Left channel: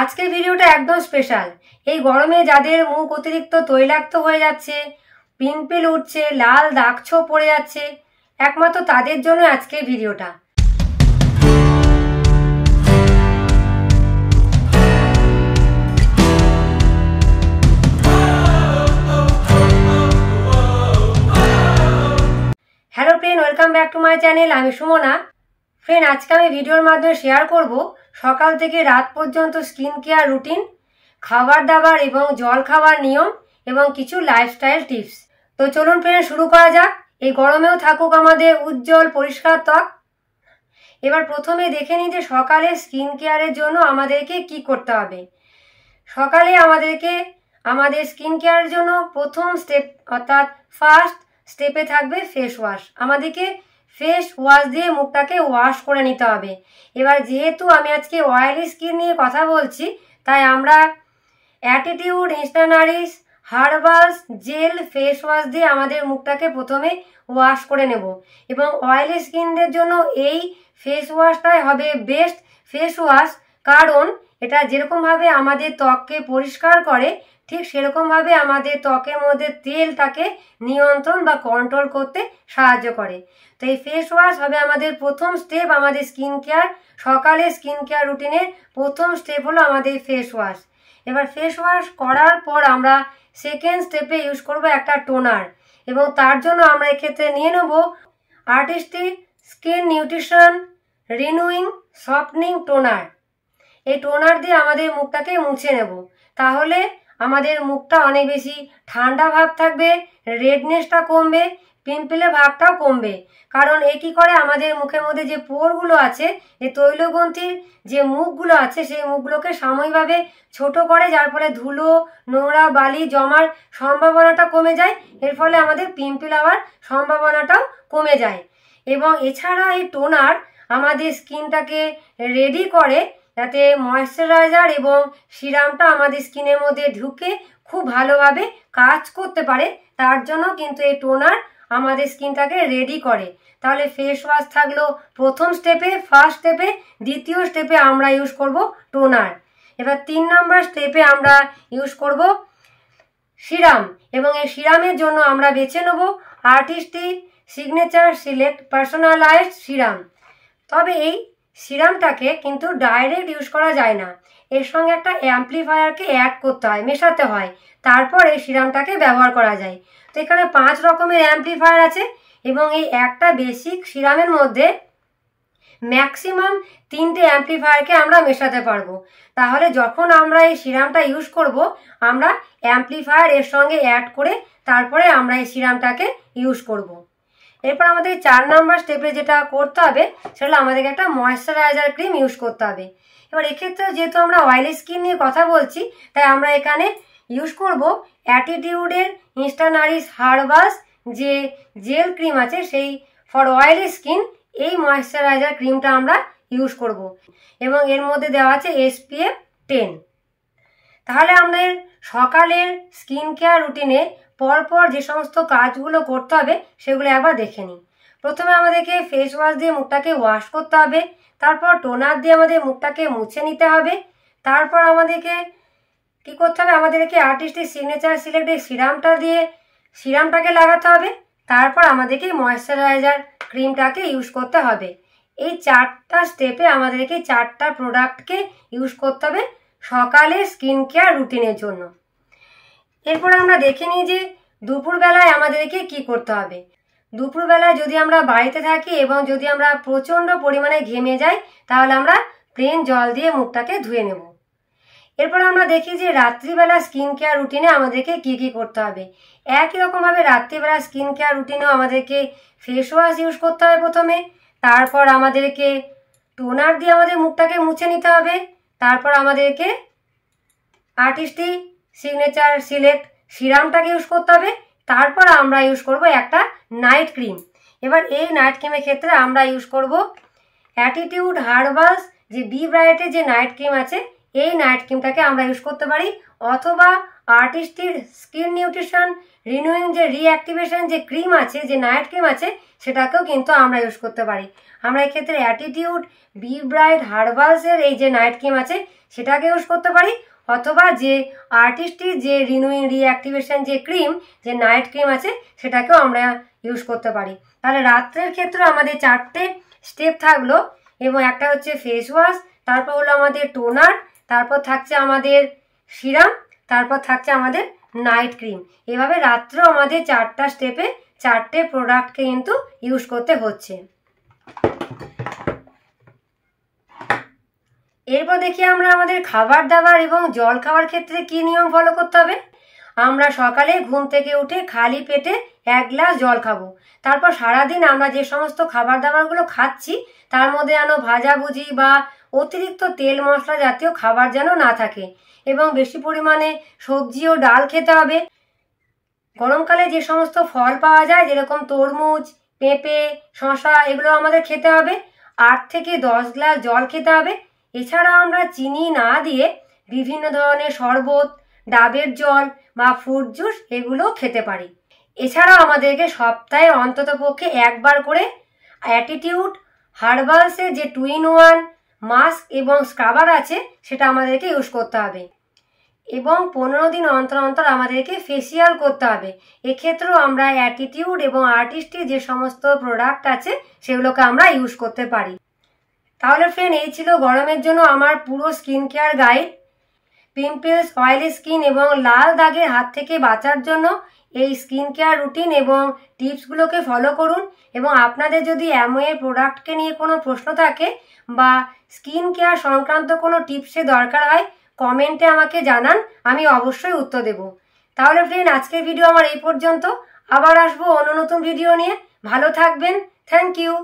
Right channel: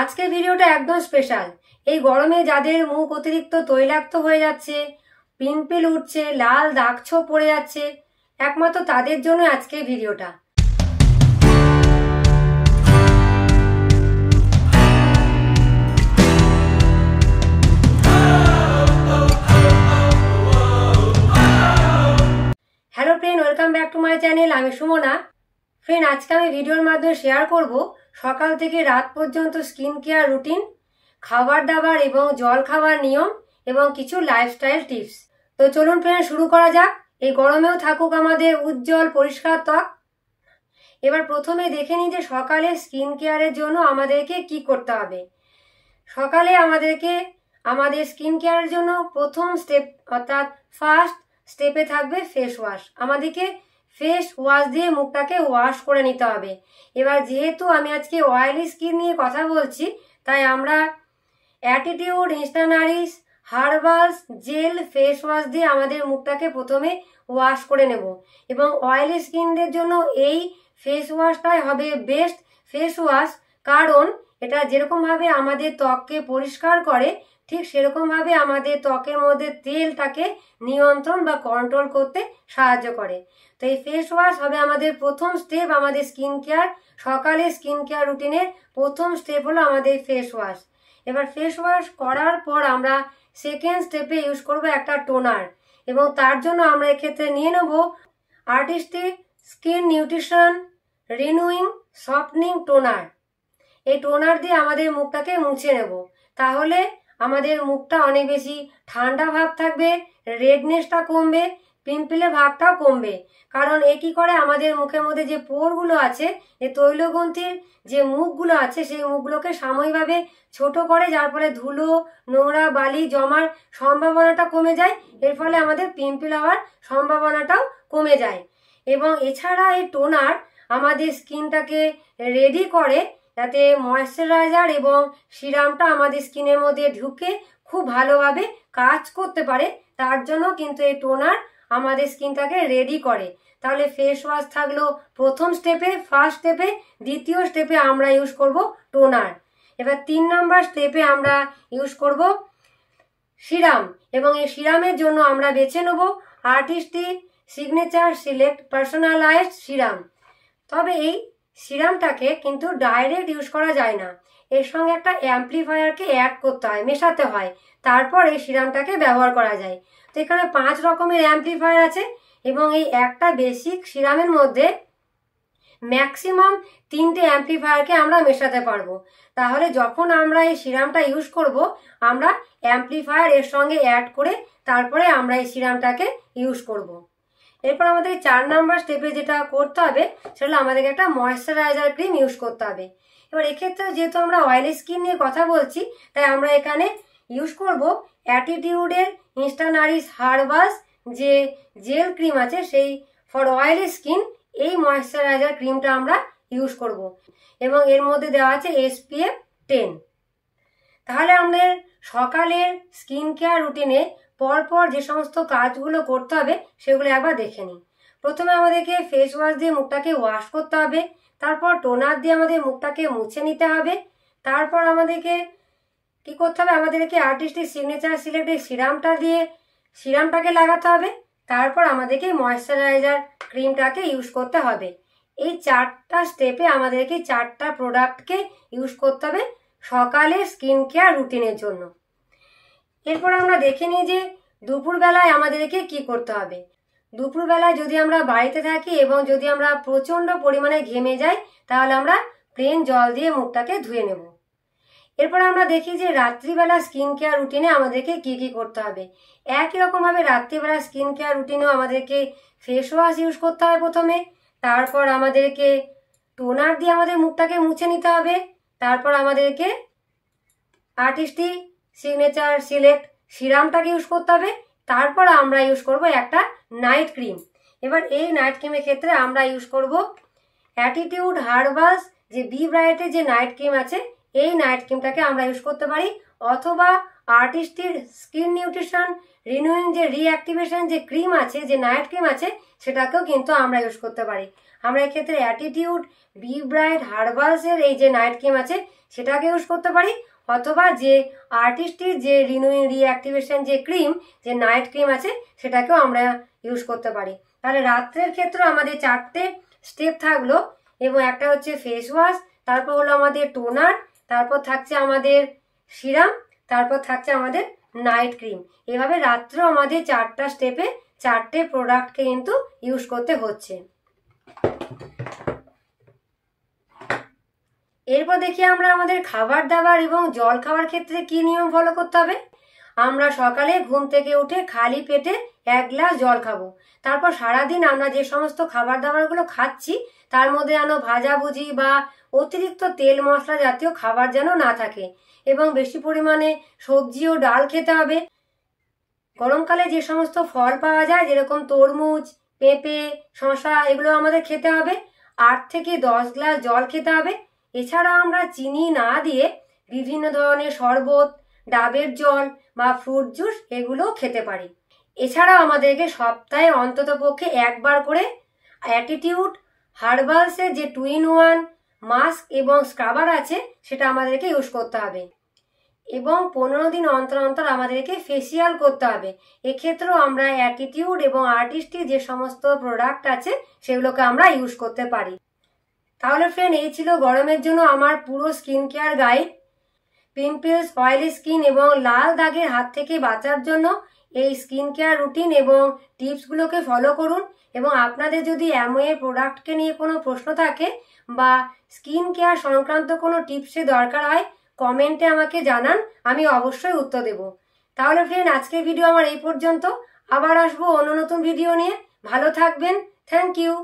আজকের ভিডিওটা একদম স্পেশাল। এই গরমে যাদের মুখ অতিরিক্ত তৈলাক্ত হয়ে যাচ্ছে, পিম্পল উঠছে, লাল দাগ ছোপ পড়ে যাচ্ছে, একমাত্র তাদের জন্য আজকের ভিডিওটা। Hello friend, welcome back to my channel. আমি সুমনা। ফ্রেন্ড, আজকে আমি ভিডিওর মাধ্যমে শেয়ার করব সকাল থেকে রাত পর্যন্ত স্কিন কেয়ার রুটিন, খাবার দাবার এবং জল খাবার নিয়ম এবং কিছু লাইফস্টাইল টিপস। তো চলুন ফ্রেন্ড, শুরু করা যাক। এই গরমেও থাকুক আমাদের উজ্জ্বল পরিষ্কার ত্বক। এবার প্রথমে দেখে নিই যে সকালে স্কিন কেয়ারের জন্য আমাদেরকে কি করতে হবে। সকালে আমাদের স্কিন কেয়ারের জন্য প্রথম স্টেপ অর্থাৎ ফার্স্ট স্টেপে থাকবে ফেস ওয়াশ। আমাদেরকে ফেস ওয়াশ দিয়ে মুখটাকে ওয়াশ করে নিতে হবে। এবার যেহেতু আমি আজকে অয়েলি স্কিন নিয়ে কথা বলছি, তাই আমরা attitude instant Nourish herbals jail face wash দিয়ে আমাদের মুখটাকে প্রথমে ওয়াশ করে নেব। এবং অয়েলি স্কিনদের জন্য এই ফেস ওয়াশটাই হবে বেস্ট ফেস ওয়াশ, কারণ এটা যেরকমভাবে আমাদের ত্বককে পরিষ্কার করে, ঠিক সেরকমভাবে আমাদের ত্বকের মধ্যে তেলটাকে নিয়ন্ত্রণ বা কন্ট্রোল করতে সাহায্য করে। তো এই ফেস ওয়াশ হবে আমাদের প্রথম স্টেপ আমাদের স্কিন কেয়ার। সকালে স্কিন কেয়ার রুটিনের প্রথম স্টেপ হলো আমাদের ফেস ওয়াশ। এবার ফেস ওয়াশ করার পর আমরা সেকেন্ড স্টেপে ইউজ করব একটা টোনার, এবং তার জন্য আমরা এক্ষেত্রে নিয়ে নেব artistic skin nutrition renewing সফটনিং toner. এই টোনার দিয়ে আমাদের মুখটাকে মুছে নেব। তাহলে আমাদের মুখটা অনেক বেশি ঠান্ডা ভাব থাকবে, রেডনেসটা কমবে, পিম্পলের ভাবটাও কমবে। কারণ এ কি করে, আমাদের মুখের মধ্যে যে পোরগুলো আছে, যে তৈলগ্রন্থির যে মুখগুলো আছে, সেই মুখগুলোকে সাময়িকভাবে ছোট করে, যার ফলে ধুলো নোংরা বালি জমার সম্ভাবনাটা কমে যায়। এর ফলে আমাদের পিম্পল হওয়ার সম্ভাবনাটাও কমে যায়। এবং এছাড়া এই টোনার আমাদের স্কিনটাকে রেডি করে যাতে ময়েশ্চারাইজার এবং সিরামটা আমাদের স্কিনের মধ্যে ঢুকে খুব ভালোভাবে কাজ করতে পারে। তার জন্য কিন্তু এই টোনার আমাদের স্কিনটাকে রেডি করে। তাহলে ফেস ওয়াশ থাকলো প্রথম স্টেপে, ফার্স্ট স্টেপে। দ্বিতীয় স্টেপে আমরা ইউজ করব টোনার। এবার 3 নম্বর স্টেপে আমরা ইউজ করব সিরাম, এবং এই সিরামের জন্য আমরা বেছে নেব artistic signature select personalised serum. তবে এই সিরামটাকে কিন্তু ডাইরেক্ট ইউজ করা যায় না, এর সঙ্গে একটা অ্যাম্পলিফায়ারকে অ্যাড করতে হয়, মেশাতে হয়, তারপর এই সিরামটাকে ব্যবহার করা যায়। তো এখানে 5 রকমের অ্যাম্পলিফায়ার আছে, এবং এই একটা বেসিক সিরামের মধ্যে ম্যাক্সিমাম 3টে অ্যাম্পলিফায়ারকে আমরা মেশাতে পারবো। তাহলে যখন আমরা এই সিরামটা ইউজ করব, আমরা অ্যাম্পলিফায়ার এর সঙ্গে অ্যাড করে তারপরে আমরা এই সিরামটাকে ইউজ করব। এরপর আমাদের 4 নম্বর স্টেপে যেটা করতে হবে, সেটা আমাদেরকে একটা ময়েশ্চারাইজার ক্রিম ইউজ করতে হবে। এবার এক্ষেত্রে যেহেতু আমরা অয়েলি স্কিন নিয়ে কথা বলছি, তাই আমরা এখানে ইউজ করব অ্যাটিটিউডের ইনস্ট্যান্ট নারিশ হার্বালস যে জেল ক্রিম আছে, সেই ফর অয়েলি স্কিন এই ময়েশ্চারাইজার ক্রিমটা আমরা ইউজ করব। এবং এর মধ্যে দেওয়া আছে SPF 10। তাহলে আমাদের সকালের স্কিন কেয়ার রুটিনে পরপর যে সমস্ত কাজগুলো করতে হবে সেগুলো একবার দেখে নিই। প্রথমে আমাদেরকে ফেস ওয়াশ দিয়ে মুখটাকে ওয়াশ করতে হবে, তারপর টোনার দিয়ে আমাদের মুখটাকে মুছে নিতে হবে, তারপর আমাদেরকে কি করতে হবে, আমাদেরকে আর্টিস্টিক সিগনেচার সিলেক্ট এই সিরামটা দিয়ে সিরামটাকে লাগাতে হবে, তারপর আমাদেরকে ময়েশ্চারাইজার ক্রিমটাকে ইউজ করতে হবে। এই 4টা স্টেপে আমাদেরকে 4টা প্রোডাক্টকে ইউজ করতে হবে সকালে স্কিন কেয়ার রুটিনের জন্য। এরপর আমরা দেখে নিই যে দুপুরবেলায় আমাদেরকে কি করতে হবে। দুপুরবেলায় যদি আমরা বাড়িতে থাকি এবং যদি আমরা প্রচণ্ড পরিমাণে ঘেমে যাই, তাহলে আমরা প্লেন জল দিয়ে মুখটাকে ধুয়ে নেব। এরপর আমরা দেখি যে রাত্রিবেলা স্কিন কেয়ার রুটিনে আমাদেরকে কি কি করতে হবে। একই রকমভাবে রাত্রিবেলা স্কিন কেয়ার রুটিনেও আমাদেরকে ফেস ওয়াশ ইউজ করতে হবে প্রথমে, তারপর আমাদেরকে টোনার দিয়ে আমাদের মুখটাকে মুছে নিতে হবে, তারপর আমাদেরকে আর্টিস্টিক সিগনেচার সিলেক্ট সিরামটাকে ইউজ করতে হবে, তারপর আমরা ইউজ করব একটা নাইট ক্রিম। এবার এই নাইট ক্রিমের ক্ষেত্রে আমরা ইউজ করব অ্যাটিটিউড হার্বালস যে বি ব্রাইটের যে নাইট ক্রিম আছে, এই নাইট ক্রিমটাকে আমরা ইউজ করতে পারি, অথবা আর্টিস্টিক স্কিন নিউট্রিশন রিনিউইং যে রিঅ্যাক্টিভেশন যে ক্রিম আছে, যে নাইট ক্রিম আছে, সেটাকেও কিন্তু আমরা ইউজ করতে পারি। আমরা এক্ষেত্রে অ্যাটিটিউড বি ব্রাইট হার্বালসের এই যে নাইট ক্রিম আছে সেটাকে ইউজ করতে পারি, অথবা যে আর্টিস্টের যে রিনিউইং রিঅ্যাক্টিভেশন যে ক্রিম, যে নাইট ক্রিম আছে সেটাকেও আমরা ইউজ করতে পারি। তাহলে রাত্রের ক্ষেত্রে আমাদের 4টে স্টেপ থাকলো, এবং একটা হচ্ছে ফেস ওয়াশ, তারপর হলো আমাদের টোনার, তারপর থাকছে আমাদের সিরাম, তারপর থাকছে আমাদের নাইট ক্রিম। এভাবে রাত্রেও আমাদের 4টা স্টেপে 4টে প্রোডাক্টকে কিন্তু ইউজ করতে হচ্ছে। এরপর দেখি আমরা আমাদের খাবার দাবার এবং জল খাওয়ার ক্ষেত্রে কি নিয়ম ফলো করতে হবে। আমরা সকালে ঘুম থেকে উঠে খালি পেটে 1 গ্লাস জল খাবো। তারপর সারাদিন আমরা যে সমস্ত খাবার দাবারগুলো খাচ্ছি তার মধ্যে যেন ভাজাভুজি বা অতিরিক্ত তেল মশলা জাতীয় খাবার যেন না থাকে, এবং বেশি পরিমাণে সবজি ও ডাল খেতে হবে। গরমকালে যে সমস্ত ফল পাওয়া যায় যেরকম তরমুজ, পেঁপে, শসা, এগুলো আমাদের খেতে হবে। 8 থেকে 10 গ্লাস জল খেতে হবে। এছাড়া আমরা চিনি না দিয়ে বিভিন্ন ধরনের শরবত, ডাবের জল বা ফ্রুট জুস এগুলো খেতে পারি। এছাড়াও আমাদেরকে সপ্তাহে অন্তত পক্ষে 1 বার করে অ্যাটিটিউড হার্বালসের যে 2-in-1 মাস্ক এবং স্ক্রাবার আছে সেটা আমাদেরকে ইউজ করতে হবে, এবং 15 দিন অন্তর অন্তর আমাদেরকে ফেসিয়াল করতে হবে। এক্ষেত্রেও আমরা অ্যাটিটিউড এবং আর্টিস্টের যে সমস্ত প্রোডাক্ট আছে সেগুলোকে আমরা ইউজ করতে পারি। তাহলে ফ্রেন্ড, এই ছিল গরমের জন্য আমার পুরো skin care guide. Pimples, oily skin এবং লাল দাগের হাত থেকে বাঁচার জন্য এই স্কিন কেয়ার রুটিন এবং টিপসগুলোকে ফলো করুন। এবং আপনাদের যদি অ্যামওয়ে প্রোডাক্টকে নিয়ে কোনো প্রশ্ন থাকে বা স্কিন কেয়ার সংক্রান্ত কোনো টিপসের দরকার হয়, কমেন্টে আমাকে জানান, আমি অবশ্যই উত্তর দেব। তাহলে ফ্রেন্ড, আজকের ভিডিও আমার এই পর্যন্ত। আবার আসবো অন্য নতুন ভিডিও নিয়ে। ভালো থাকবেন। Thank you.